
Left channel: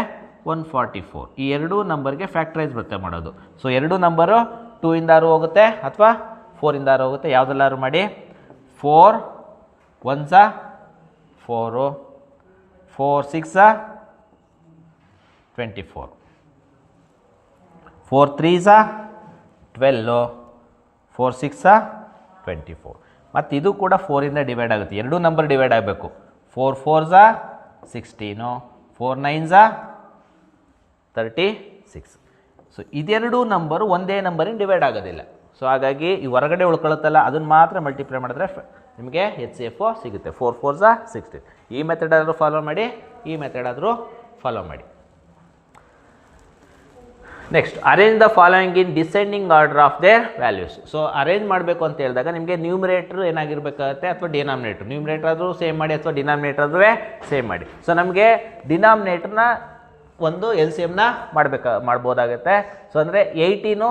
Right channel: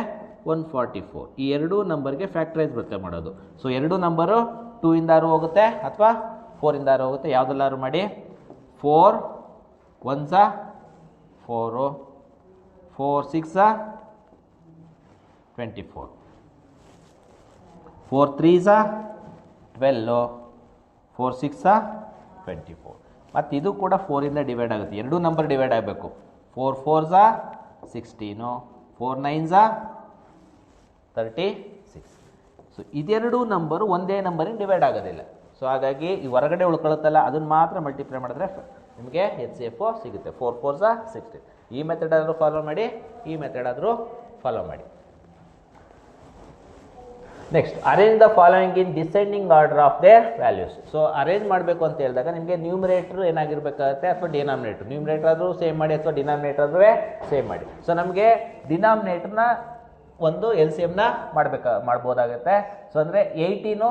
144 ಈ ಎರಡೂ ನಂಬರ್ಗೆ ಫ್ಯಾಕ್ಟರೈಸ್ ಬರುತ್ತೆ ಮಾಡೋದು. ಸೊ ಎರಡೂ ನಂಬರು 2 ಇಂದಾರು ಹೋಗುತ್ತೆ ಅಥವಾ 4 ಇಂದಾರು ಹೋಗುತ್ತೆ, ಯಾವುದೆಲ್ಲಾರು ಮಾಡಿ. 4 1s are 4, 4 6s are 24, 4 3s are 12, 4 6s are 24. ಮತ್ತು ಇದು ಕೂಡ 4ಇಂದ ಡಿವೈಡ್ ಆಗುತ್ತೆ, ಎರಡೂ ನಂಬರ್ ಡಿವೈಡ್ ಆಗಬೇಕು. 4 4s are 16, 4 9s are 36. So ಇದೆರಡೂ number ಒಂದೇ ನಂಬರಿಂದ ಡಿವೈಡ್ ಆಗೋದಿಲ್ಲ. ಸೊ ಹಾಗಾಗಿ ಈ ಹೊರಗಡೆ ಉಳ್ಕೊಳ್ಳುತ್ತಲ್ಲ ಅದನ್ನು ಮಾತ್ರ ಮಲ್ಟಿಪ್ಲೈ ಮಾಡಿದ್ರೆ ನಿಮಗೆ ಎಚ್ ಸಿ ಎಫ್ ಸಿಗುತ್ತೆ. 4 4s are 16. ಈ ಮೆಥಡ್ ಆದರೂ ಫಾಲೋ ಮಾಡಿ, ಈ ಮೆಥಡ್ ಆದರೂ ಫಾಲೋ ಮಾಡಿ. Next, arrange the following in descending order of their values. So arrange ಮಾಡಬೇಕು ಅಂತ ಹೇಳಿದಾಗ ನಿಮಗೆ ನ್ಯೂಮರೇಟ್ರ್ ಏನಾಗಿರಬೇಕಾಗುತ್ತೆ ಅಥವಾ ಡಿನಾಮಿನೇಟ್ರ್. ನ್ಯೂಮರೇಟ್ರ್ ಆದರೂ ಸೇಮ್ ಮಾಡಿ ಅಥವಾ ಡಿನಾಮಿನೇಟ್ರ್ ಆದರೂ ಸೇಮ್ ಮಾಡಿ. ಸೊ ನಮಗೆ ಡಿನಾಮಿನೇಟ್ರನ್ನ ಒಂದು ಎಲ್ ಸಿ ಎಮ್ನ ಮಾಡ್ಬೋದಾಗುತ್ತೆ. ಸೊ ಅಂದರೆ 18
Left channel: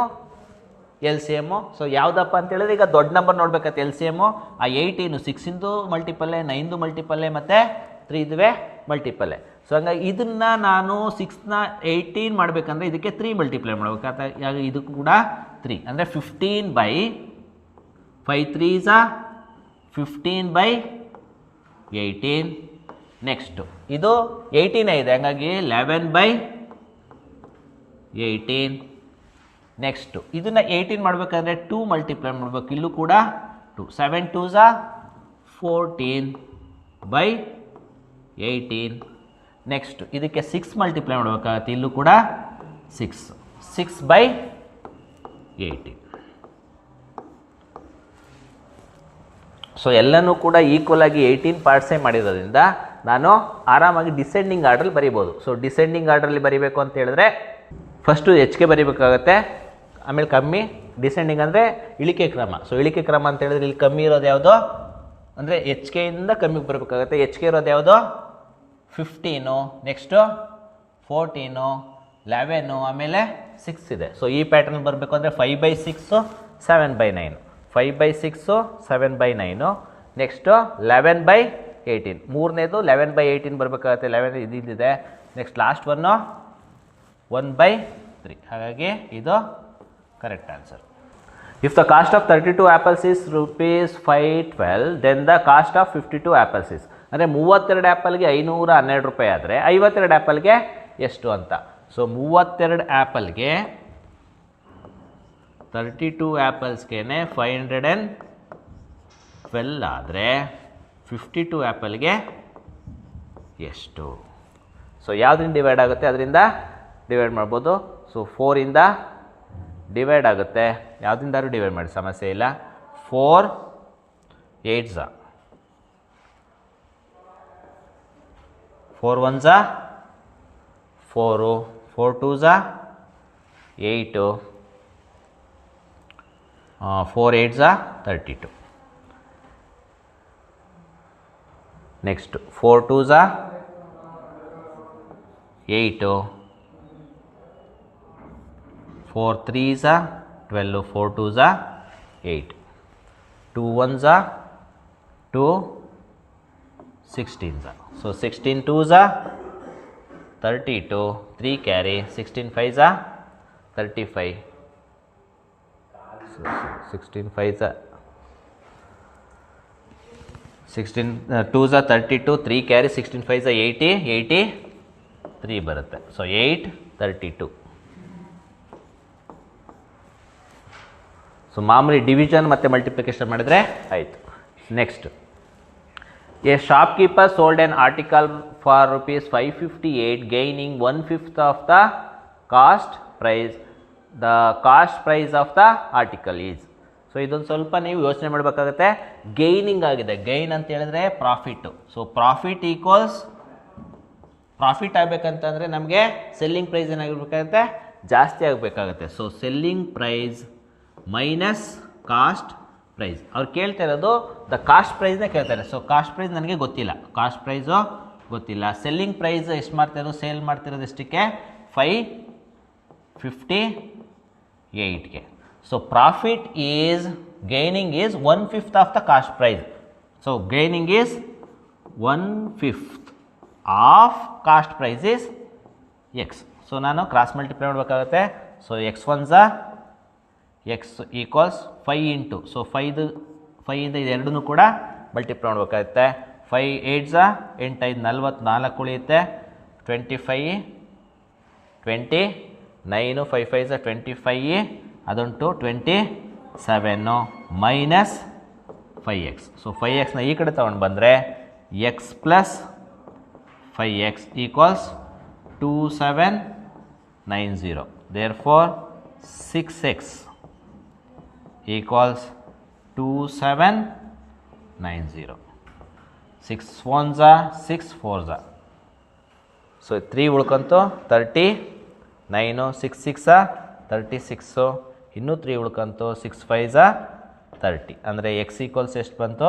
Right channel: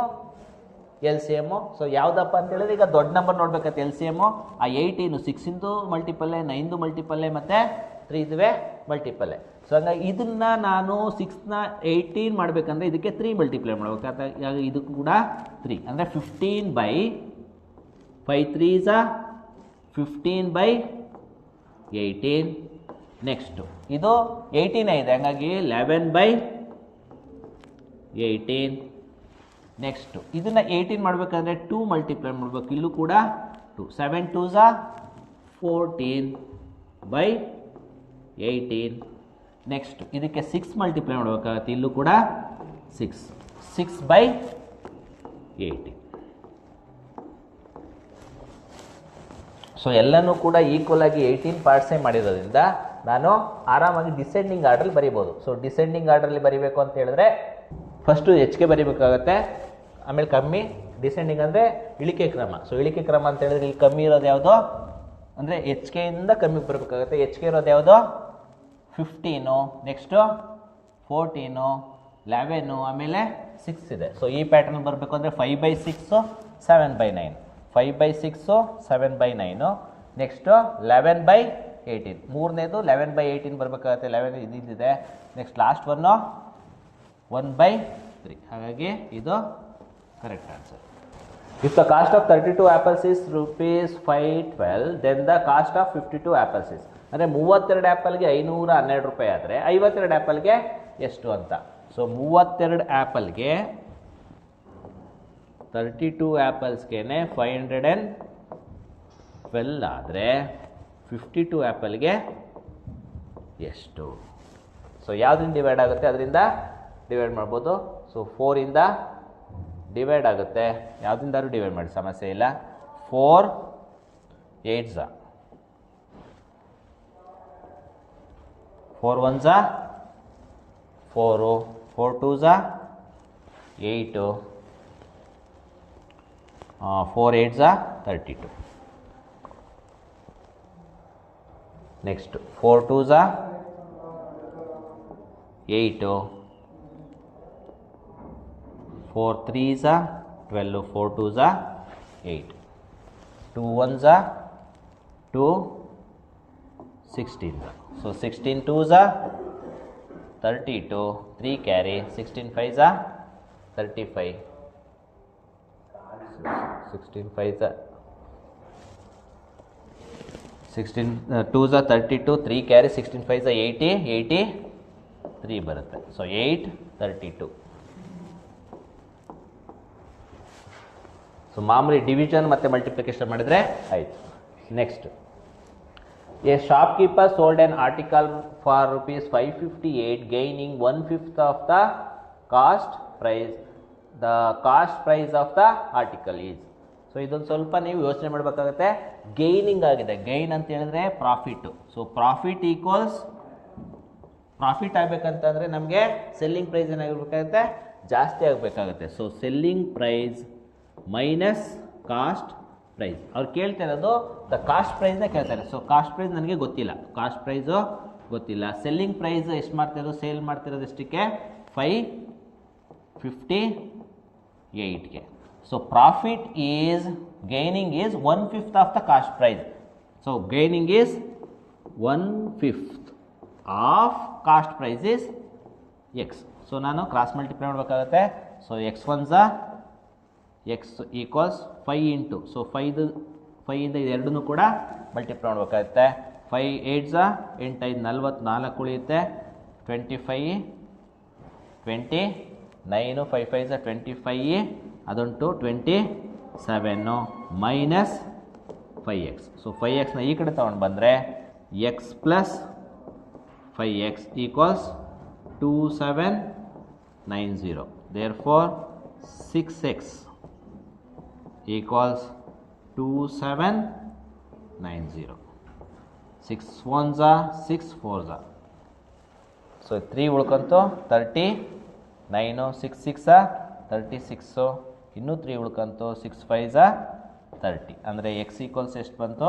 ಎಲ್ ಸಿ ಎಮ್ಮು. ಸೊ ಯಾವುದಪ್ಪ ಅಂತ ಹೇಳಿದ್ರೆ ಈಗ ದೊಡ್ಡ ನಂಬರ್ ನೋಡ್ಬೇಕಾಗುತ್ತೆ ಎಲ್ ಸಿ ಎಮ್ಮು. ಆ 18 6 ಮಲ್ಟಿಪಲ್ಲೆ, 9 ಮಲ್ಟಿಪಲ್ಲೆ ಮತ್ತು 3 ಮಲ್ಟಿಪಲ್ಲೆ. ಸೊ ಹಂಗಾಗಿ ಇದನ್ನು ನಾನು 6ನ 18 ಮಾಡಬೇಕಂದ್ರೆ ಇದಕ್ಕೆ 3 ಮಲ್ಟಿಪ್ಲೈ ಮಾಡಬೇಕಾಗುತ್ತೆ. ಇದು ಕೂಡ 3 ಅಂದರೆ 15/5 3s are 15/18. ನೆಕ್ಸ್ಟು ಇದು 18 ಇದೆ, ಹಂಗಾಗಿ 11/18. ನೆಕ್ಸ್ಟು ಇದನ್ನು 18 ಮಾಡಬೇಕಂದ್ರೆ 2 ಮಲ್ಟಿಪ್ಲೈ ಮಾಡಬೇಕು, ಇಲ್ಲೂ ಕೂಡ 2. 7 2s are 14/18. ನೆಕ್ಸ್ಟ್ ಇದಕ್ಕೆ 6 ಮಲ್ಟಿಪ್ಲೈ ಮಾಡಬೇಕಾಗತ್ತೆ, ಇಲ್ಲೂ ಕೂಡ 6. 6/18. ಸೊ ಎಲ್ಲನೂ ಕೂಡ ಈಕ್ವಲ್ ಆಗಿ 18 ಪಾರ್ಟ್ಸೇ ಮಾಡಿರೋದ್ರಿಂದ ನಾನು ಆರಾಮಾಗಿ ಡಿಸೆಂಡಿಂಗ್ ಆರ್ಡ್ರಲ್ಲಿ ಬರಿಬೋದು. ಸೊ ಡಿಸೆಂಡಿಂಗ್ ಆರ್ಡ್ರಲ್ಲಿ ಬರಿಬೇಕು ಅಂತ ಹೇಳಿದ್ರೆ ಫಸ್ಟು ಎಚ್ ಕೆ ಬರಿಬೇಕಾಗತ್ತೆ, ಆಮೇಲೆ ಕಮ್ಮಿ. ಡಿಸೆಂಡಿಂಗ್ ಅಂದರೆ ಇಳಿಕೆ ಕ್ರಮ. ಸೊ ಇಳಿಕೆ ಕ್ರಮ ಅಂತ ಹೇಳಿದ್ರೆ ಇಲ್ಲಿ ಕಮ್ಮಿ ಇರೋದು ಯಾವುದು ಅಂದರೆ ಎಚ್ ಕೆಯಿಂದ ಕಮ್ಮಿಗೆ ಬರಬೇಕಾಗತ್ತೆ. ಎಚ್ ಕೆ ಇರೋದು ಯಾವುದು 15, ನೆಕ್ಸ್ಟು 14, 11, ಆಮೇಲೆ 6 ಇದೆ. ಸೊ ಈ ಪ್ಯಾಟರ್ನ್ ಬರಬೇಕು ಅಂದರೆ 5/6 7/9, 5/6 7/9. ನೆಕ್ಸ್ಟು 11/18, ಮೂರನೇದು 11/18 ಬರಬೇಕಾಗತ್ತೆ. 11 ಇದಿದೆ. Next last 1/3. ಹಾಗಾಗಿ ಇದು correct answer. If the cost of 32 apples is ₹512, then the cost of 52 apples is, ಅಂದರೆ 32 ಆ್ಯಪಲ್ಗೆ 512 ರೂಪಾಯಿ ಆದರೆ 52 ಆ್ಯಪಲ್ಗೆ ಎಷ್ಟು ಅಂತ. ಸೊ 32 ಆ್ಯಪಲ್ಗೆ 32 ಆ್ಯಪಲ್ಸ್ಗೆ 512 ಆದರೆ 52 ಆ್ಯಪಲ್ಗೆ ಎಷ್ಟು? ಸೊ ಯಾವುದರಿಂದ ಡಿವೈಡ್ ಆಗುತ್ತೆ ಅದರಿಂದ ಡಿವೈಡ್ ಮಾಡ್ಬೋದು. ಸೊ 4ಇಂದ ಡಿವೈಡ್ ಆಗುತ್ತೆ, ಯಾವುದಿಂದಾದ್ರೂ ಡಿವೈಡ್ ಮಾಡಿ ಸಮಸ್ಯೆ ಇಲ್ಲ. 4 8s 4 1s 4, 4 2s 8, 4 8s 32. Next 4 2s 8, 4 3s 12, 4 2s 8, 2 1s 2, 16s. So 16 2s 32, 3 carry, 16 5s 35. So 16 5s 16 2s 32, 3 carry, 16 5s 80, 83 ಬರುತ್ತೆ. ಸೊ 8 32. ಸೊ ಮಾಮೂಲಿ ಡಿವಿಷನ್ ಮತ್ತು ಮಲ್ಟಿಪ್ಲಿಕೇಶನ್ ಮಾಡಿದರೆ ಆಯಿತು. Next, a shopkeeper sold an article for ₹558 gaining 1/5 of the cost price. The cost price of the article is. So ಇದೊಂದು ಸ್ವಲ್ಪ ನೀವು ಯೋಚನೆ ಮಾಡಬೇಕಾಗತ್ತೆ. ಗೈನಿಂಗ್ ಆಗಿದೆ, ಗೈನ್ ಅಂತ ಹೇಳಿದ್ರೆ profit. So profit equals profit ಆಗಬೇಕಂತಂದರೆ ನಮಗೆ ಸೆಲ್ಲಿಂಗ್ ಪ್ರೈಸ್ ಏನಾಗಿರ್ಬೇಕಾಗುತ್ತೆ, ಜಾಸ್ತಿ ಆಗಬೇಕಾಗತ್ತೆ. So selling price minus cost price. ಅವ್ರು ಕೇಳ್ತಾ ಇರೋದು ದ ಕಾಸ್ಟ್ ಪ್ರೈಸ್ನೇ ಕೇಳ್ತಾರೆ. ಸೊ ಕಾಸ್ಟ್ ಪ್ರೈಸ್ ನನಗೆ ಗೊತ್ತಿಲ್ಲ, ಕಾಸ್ಟ್ ಪ್ರೈಸು ಗೊತ್ತಿಲ್ಲ. ಸೆಲ್ಲಿಂಗ್ ಪ್ರೈಸ್ ಎಷ್ಟು ಮಾಡ್ತಿರೋದು, ಸೇಲ್ ಮಾಡ್ತಿರೋದು ಎಷ್ಟಕ್ಕೆ, 558ಗೆ. So profit is gaining is 1/5 of the cost price. So gaining is 1/5 of cost price is X. So ನಾನು ಕ್ರಾಸ್ ಮಲ್ಟಿಪ್ಲೈ ಮಾಡಬೇಕಾಗುತ್ತೆ. So x 1s x equals 5 into. So 5ಇಂದ ಇದೆರಡೂ ಕೂಡ ಮಲ್ಟಿಪ್ಲೈ ಮಾಡಬೇಕಾಗುತ್ತೆ. 5 8s 8 5 44 ಉಳಿಯುತ್ತೆ. 25 29, 5 5s 25, ಅದುಂಟು 27 ಮೈನಸ್ 5x. ಸೊ 5xನ ಈ ಕಡೆ ತೊಗೊಂಡು ಬಂದರೆ x plus 5x equals 2790. Therefore 6x equals 2790. 6 1s 6 4s. So 3 ಉಳ್ಕೊಂತು 39, 6 6 36, ಇನ್ನೂ 3 ಉಳ್ಕೊಂತು 6 5s 30. ಅಂದರೆ ಎಕ್ಸ್ ಈಕ್ವಲ್ಸ್ ಎಷ್ಟು ಬಂತು,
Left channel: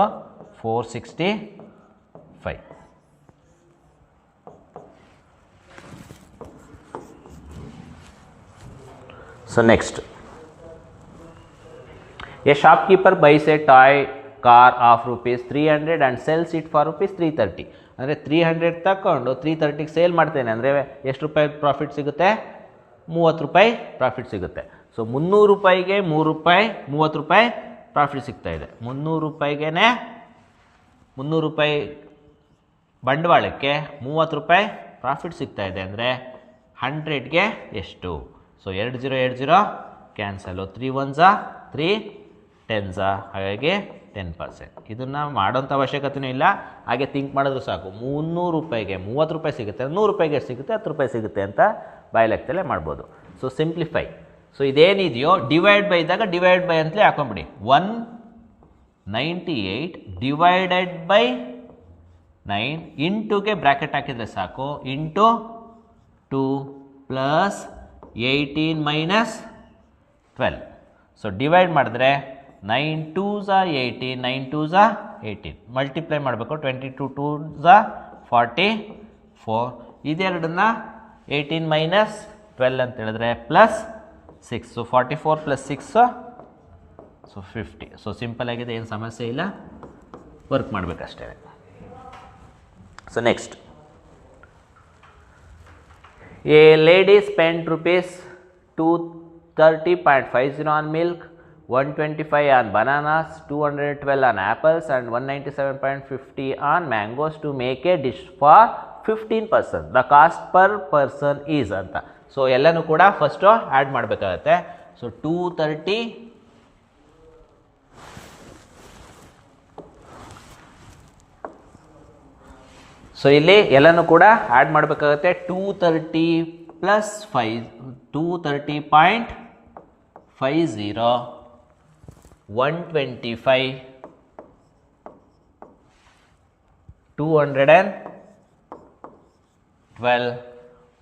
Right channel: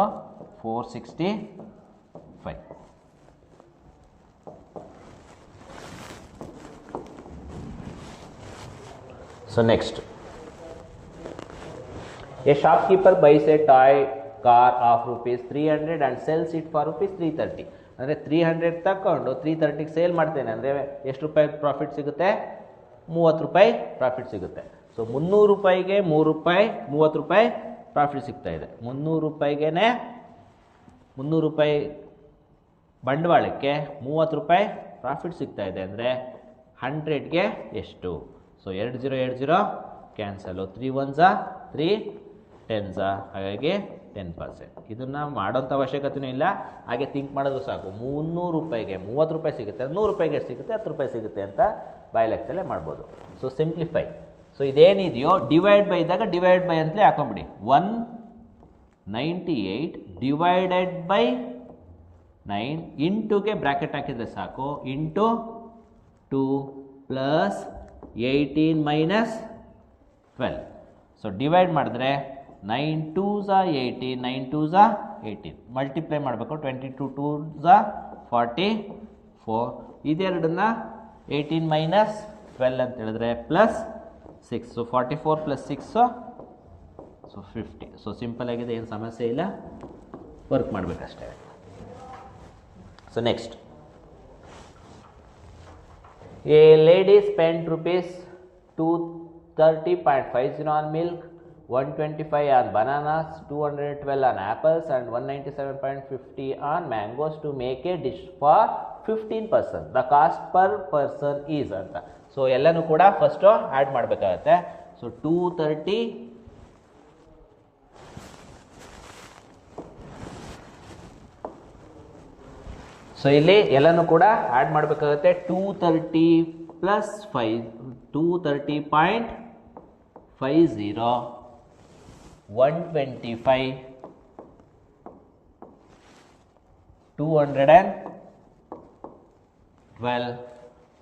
465. So next, a shopkeeper byes A toy car of ₹300 and cells it for ₹330. ಅಂದರೆ 300 ತಗೊಂಡು 330ಗೆ ಸೇಲ್ ಮಾಡ್ತೇನೆ ಅಂದರೆ ಎಷ್ಟು ರೂಪಾಯಿ ಪ್ರಾಫಿಟ್ ಸಿಗುತ್ತೆ, 30 ರೂಪಾಯಿ ಪ್ರಾಫಿಟ್ ಸಿಗುತ್ತೆ. ಸೊ 300 ರೂಪಾಯಿಗೆ 3 ರೂಪಾಯಿ 30 ರೂಪಾಯಿ ಪ್ರಾಫಿಟ್ ಸಿಗ್ತಾ ಇದೆ. 300 ರೂಪಾಯಿಗೆ 300 ರೂಪಾಯಿ ಬಂಡವಾಳಕ್ಕೆ 30 ರೂಪಾಯಿ ಪ್ರಾಫಿಟ್ ಸಿಗ್ತಾ ಇದೆ. ಅಂದರೆ 100ಗೆ ಎಷ್ಟು? ಸೊ 20 ಕ್ಯಾನ್ಸಲು, 3 1s 3 10s, ಹಾಗಾಗಿ 10%. ಇದನ್ನು ಮಾಡೋಂಥ ಅವಶ್ಯಕತೆಯೂ ಇಲ್ಲ, ಹಾಗೆ ಥಿಂಕ್ ಮಾಡಿದ್ರು ಸಾಕು. 300 ರೂಪಾಯಿಗೆ 30 ರೂಪಾಯಿ ಸಿಗುತ್ತೆ, 100 ರೂಪಾಯಿಗೆ ಎಷ್ಟು ಸಿಗುತ್ತೆ, 10 ರೂಪಾಯಿ ಸಿಗುತ್ತೆ ಅಂತ ಬಾಯ್ಲೆಕ್ಕದಲ್ಲೇ ಮಾಡ್ಬೋದು. So simplify. ಸೊ ಇದೇನಿದೆಯೋ ಡಿವೈಡ್ ಬೈ ಇದ್ದಾಗ ಡಿವೈಡ್ ಬೈ ಅಂತಲೇ ಹಾಕೊಂಬಿಡಿ. 198 ಡಿವೈಡೆಡ್ ಬೈ 9 ಇಂಟುಗೆ ಬ್ರ್ಯಾಕೆಟ್ ಹಾಕಿದರೆ ಸಾಕು, into 2 plus 18 minus 12. So divide ಮಾಡಿದ್ರೆ 9 2s 18, 9 2s 18. ಮಲ್ಟಿಪ್ಲೈ ಮಾಡಬೇಕು, 22 2s 44. ಇದೆರಡನ್ನ 18 ಮೈನಸ್ 12 ಅಂತ ಹೇಳಿದ್ರೆ plus 6. So 44 plus 6 so 50. So simple ಆಗಿದೆ, ಏನು ಸಮಸ್ಯೆ ಇಲ್ಲ, ವರ್ಕ್ ಮಾಡಬೇಕಷ್ಟೇ. So next, a lady spend ₹230.50 on milk, 125 on bananas, 212 on apples and 197.50 on mangoes to make a dish for 15 person. The cost per person is ಅಂತ. So ಎಲ್ಲನೂ ಕೂಡ first add ಮಾಡಬೇಕಾಗತ್ತೆ. So 230 so so ಇಲ್ಲಿ ಎಲ್ಲನೂ ಕೂಡ add ಮಾಡಬೇಕಾಗುತ್ತೆ. 230 plus 5 230.50 125 212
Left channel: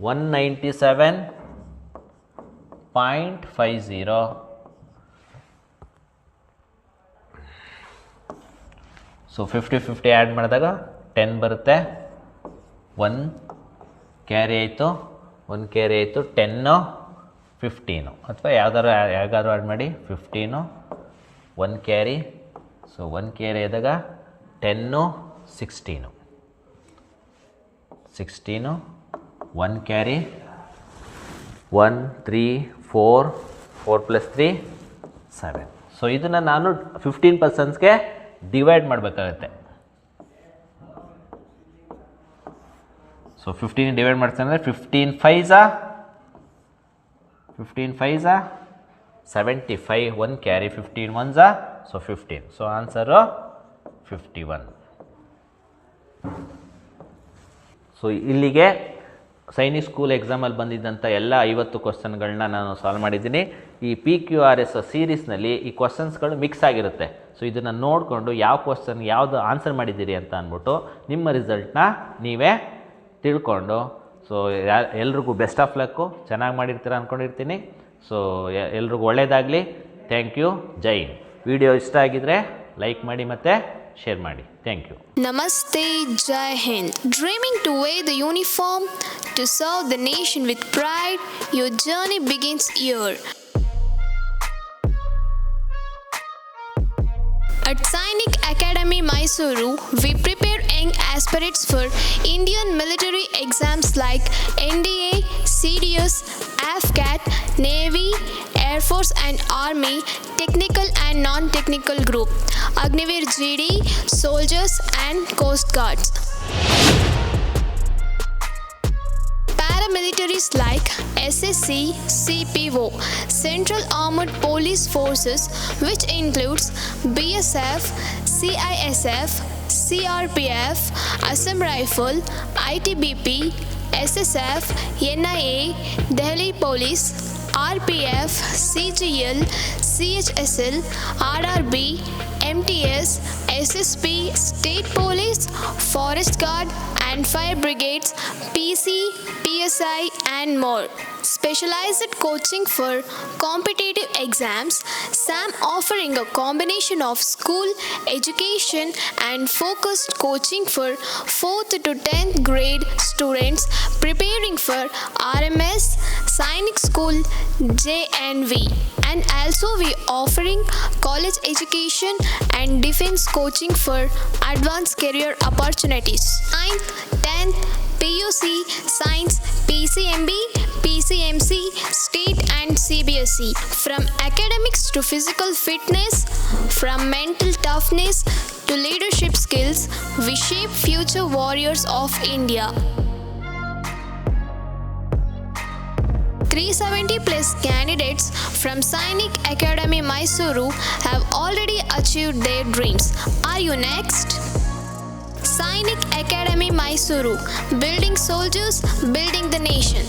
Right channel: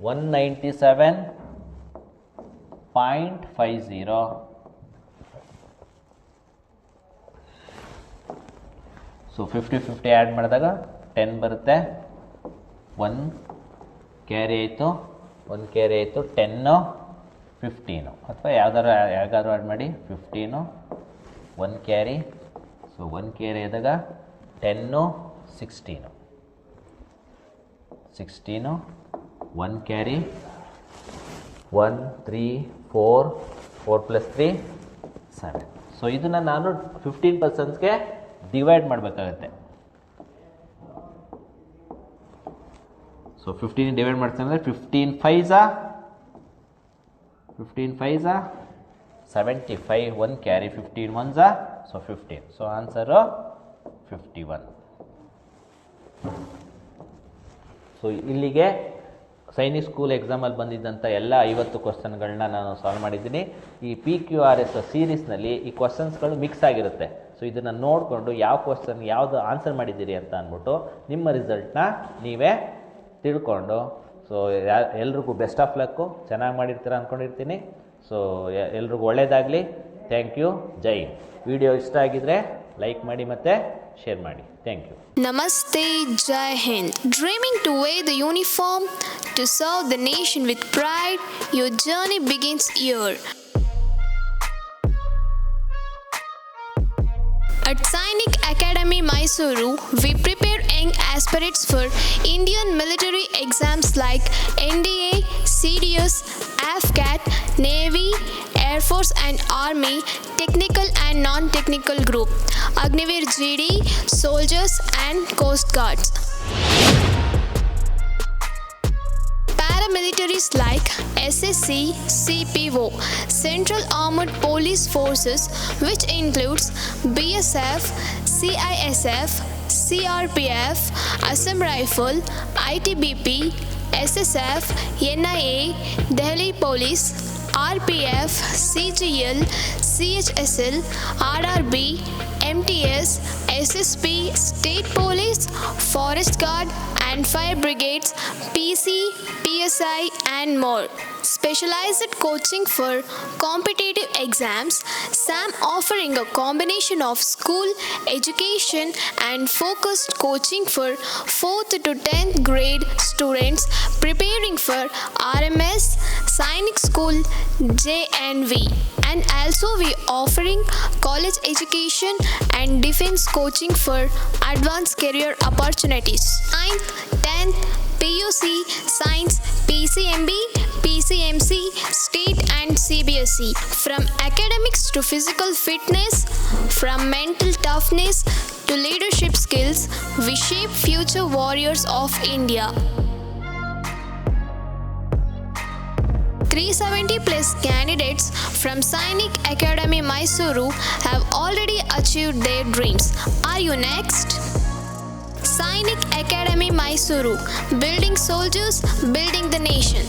197.50. So 50 add ಮಾಡಿದಾಗ 10 ಬರುತ್ತೆ. 1 ಕ್ಯಾರಿ ಆಯಿತು, 1 ಕ್ಯಾರಿ ಆಯಿತು. 10 15 ಅಥವಾ ಯಾವ್ದಾದ್ರು ಆ್ಯಡ್ ಮಾಡಿ. 15 1 ಕ್ಯಾರಿ. ಸೊ 1 ಕ್ಯಾರಿ ಆದಾಗ 10 16 1 ಕ್ಯಾರಿ. 1 3 4 ಪ್ಲಸ್ 3 7. ಸೊ ಇದನ್ನು ನಾನು 15 ಪರ್ಸನ್ಸ್ಗೆ ಡಿವೈಡ್ ಮಾಡಬೇಕಾಗತ್ತೆ. ಸೊ 15 ಡಿವೈಡ್ ಮಾಡ್ತೀನಿ ಅಂದರೆ 15 5s 75. 1 carry. 15 1s so 15. So answer 51. So ಇಲ್ಲಿಗೆ ಸೈನಿಕ್ ಸ್ಕೂಲ್ ಎಕ್ಸಾಮಲ್ಲಿ ಬಂದಿದ್ದಂಥ ಎಲ್ಲ 50 ಕ್ವಶನ್ಗಳನ್ನ ನಾನು ಸಾಲ್ವ್ ಮಾಡಿದ್ದೀನಿ. ಈ PQRS ಸೀರೀಸ್ನಲ್ಲಿ ಈ ಕ್ವಶನ್ಸ್ಗಳು ಮಿಕ್ಸ್ ಆಗಿರುತ್ತೆ. ಸೊ ಇದನ್ನು ನೋಡಿಕೊಂಡು ಯಾವ ಕ್ವಶನ್ ಯಾವುದು ಆನ್ಸರ್ ಮಾಡಿದ್ದೀರಿ ಅಂತ ಅಂದ್ಬಿಟ್ಟು ನಿಮ್ಮ ರಿಸಲ್ಟ್ನ ನೀವೇ ತಿಳ್ಕೊಂಡು, ಸೊ ಎಲ್ರಿಗೂ ಬೆಸ್ಟ್ ಆಫ್ ಲಕ್ಕು. ಚೆನ್ನಾಗಿ ಮಾಡಿರ್ತೀರ ಅಂದ್ಕೊಂಡಿರ್ತೀನಿ. ಸೊ ಎಲ್ರಿಗೂ ಒಳ್ಳೆಯದಾಗಲಿ. Thank you. ಜೈ ಹಿಂದ್. ವಿಡಿಯೋ ಇಷ್ಟ ಆಗಿದರೆ ಲೈಕ್ ಮಾಡಿ ಮತ್ತು ಶೇರ್ ಮಾಡಿ. Thank you. Namaste, Jai Hind. Dreaming to wear the uniform to serve the nation with pride, your journey begins here. At Sainik Academy, Mysuru, we prepare young aspirants for Indian military exams like NDA, CDS, AFCAT, Navy, Air Force and Army, technical and non-technical group, Agniveer GD, soldiers and Coast Guards. Paramilitaries like SSC, CPO, Central Armed Police Forces, which includes BSF, CISF, CRPF, Assam Rifle, ITBP, SSF, NIA, Delhi Police, RPF, CGL, CHSL, RRB, MTS, SSP, State Police, Forest Guard and Fire Brigades, PC, PSI and more. Specialized coaching for competitive exams, SAM offering a combination of school education and focused coaching for 4th to 10th grade students preparing for RMS, Sainik School, JNV. And also we offering college education and defense coaching for advanced career opportunities. 9th, 10th, PUC, Science, PCMB, PCMC, State and CBSE. From academics to physical fitness, from mental toughness to leadership skills, we shape future warriors of India. 370 plus candidates from Sainik Academy, Mysuru have already achieved their dreams. Are you next? Sainik Academy, Mysuru, building soldiers, building the nation.